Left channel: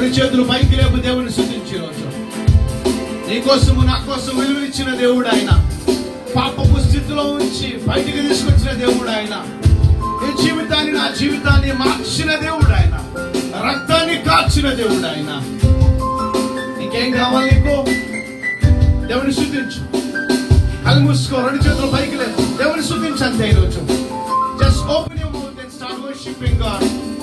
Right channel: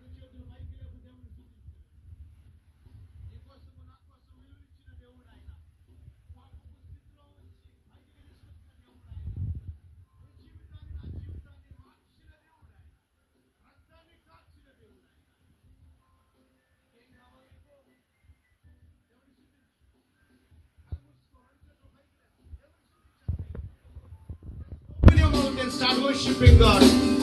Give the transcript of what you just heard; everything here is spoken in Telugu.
రెండు చేతులు పైకి లేపు దేవుని స్తుతించే రోజు. నీ కోసము నా కోసం విలువిచ్చిన దేవుడు ఆయన. పాపపు స్థితిలో ఉంచి బయటికి తీసుకొచ్చిన దేవుడు ఆయన. నీ జీవితాన్ని నా జీవితాన్ని మార్చిన దేవుడు ఆయన. రక్తాన్ని కాచిన దేవుడు ఆయన. ఇంకేం కావాలి నీకు? దేవుని స్తుతించు. కళ్ళు మూసుకో, రెండు చేతులు పైకి లేదు, దేవుని స్తుతించు అంతే. ఈరోజు just open your mouth and start worshipping God.